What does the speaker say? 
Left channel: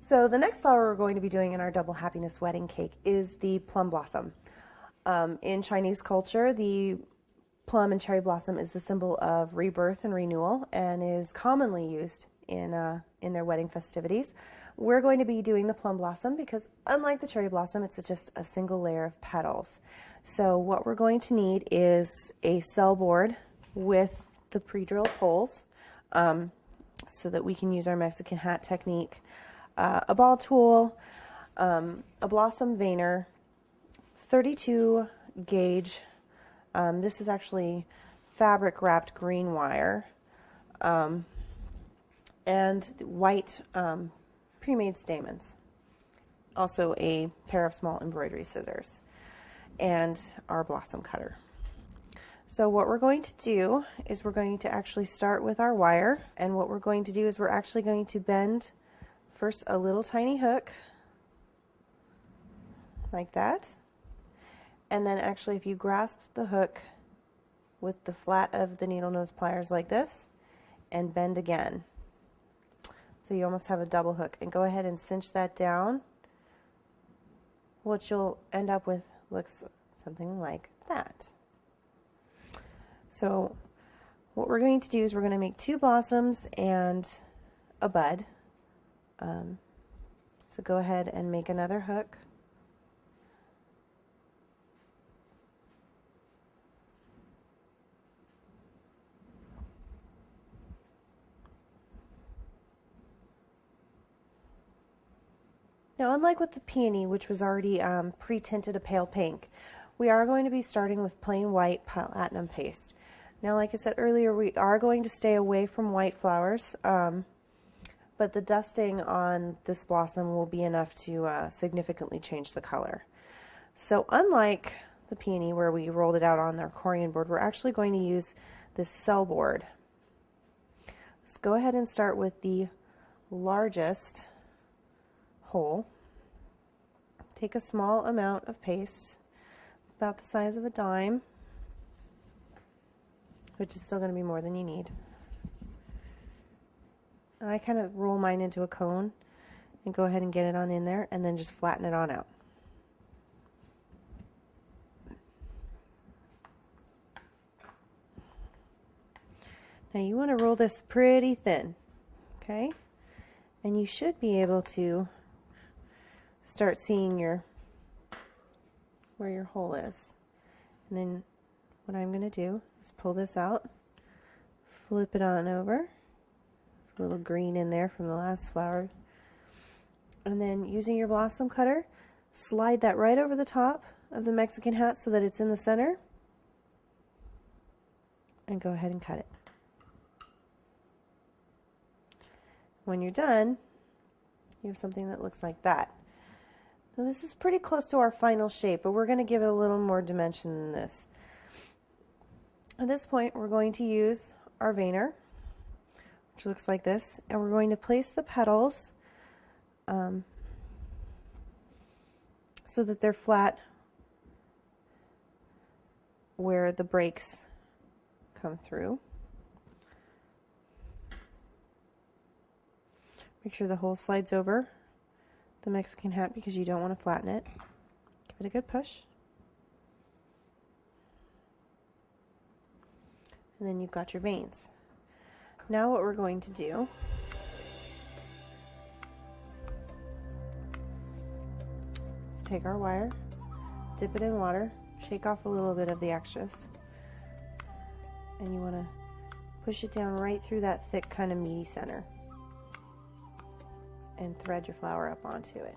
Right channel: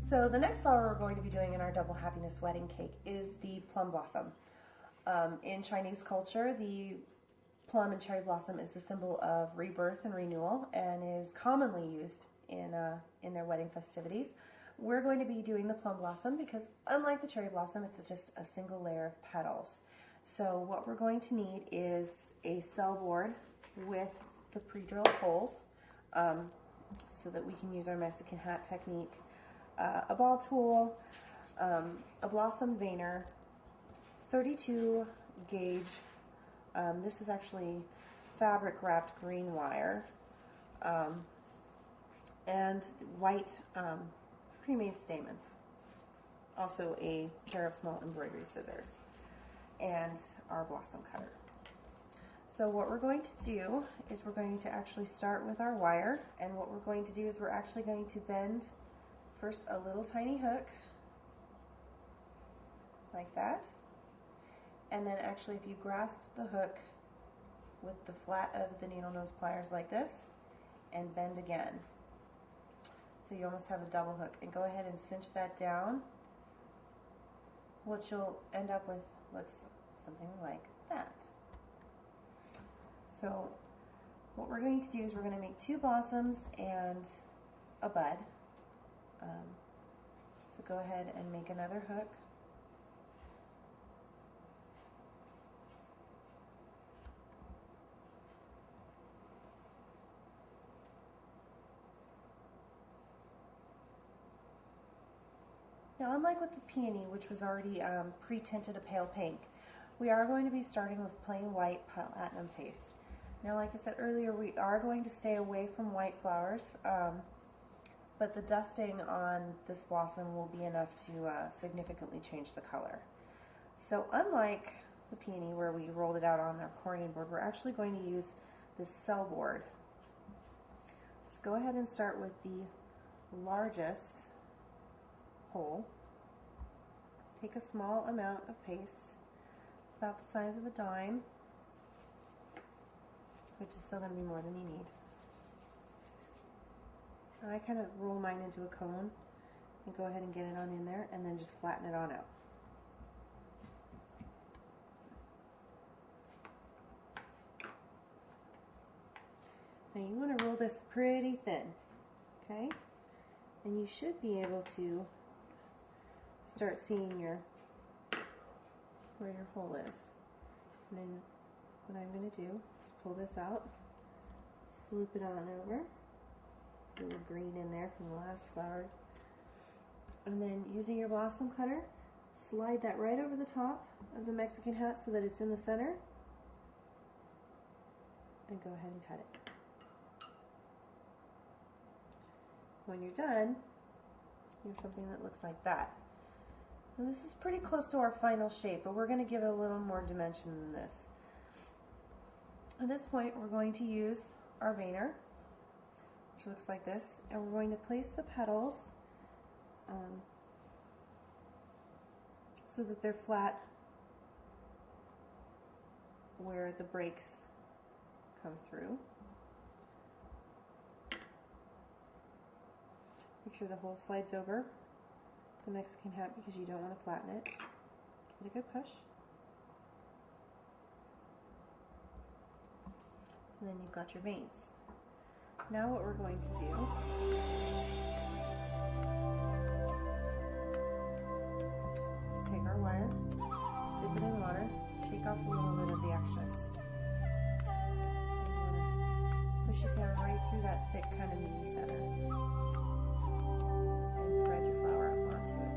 So the next flower we're going to be doing in our double happiness wedding cake is the plum blossom. In Chinese culture, the plum and cherry blossom is the symbol of rebirth and renewal and is commonly used in their wedding festivities. We're going to be doing the plum blossom because unlike the cherry blossom, it's just a single layer of petals. So what we're going to need is a cell board with the pre-drilled holes so that we can use our Mexican hat technique. A ball tool, a blossom veiner, 32 gauge, this is actually fabric wrapped green wire, and white pre-made stamens, also a pair of small embroidery scissors, and our blossom cutter. So what we're going to do is we're going to actually start with our wire, and what we're going to do is we're actually going to bend first a little tiny hook like that, and then actually if you grasp the hook with the flat of the needle nose pliers like this and bend again, so you almost have a double hook, and go ahead and cinch that down. What you'll end up with looks something like that. So what we're going to do is we're going to make 2 blossoms and a bud. So go ahead and make another hook. Now, unlike with the peony, which was already pre-tinted a pale pink, we are going to be starting with plain white platinum paste. Now, like I said earlier, we are going to stay away from white flowers. But the dusting on this blossom will be enough to significantly change the color. So unlike the peony where we rolled it out on our Corian board, we're actually going to use this cell board. Let's go ahead and start with the largest hole. Take a small amount of paste, about the size of a dime, which is still going to be more than you need. And I kind of roll mine into a cone and go ahead and get it on in there and then just flatten it on out. Now you want to roll this pretty thin, okay? And you should be able to start seeing where your hole is. And then what I'm going to do is pull this out, flip it on over. A little green in there from the last flower, and then using your blossom cutter, slide that right over the top of the Mexican hat so that it's in the center, and go ahead and cut it. When you're done, you have something that looks like that. Now, this is pretty close to our final shape, but we're going to give it a little more dimension than this. At this point, we're going to use our veiner, which looks like this, and we're going to place the petals so that they're flat where the breaks come through. Make sure the hole slides over the Mexican hat because you don't want to flatten it. Give it a good push. And then you've got your veins. Now what we're going to do is take our wire, dip it in water, shake off a little bit of the extras, and you want to push it down right through that thick kind of meaty center and thread your flower up onto it.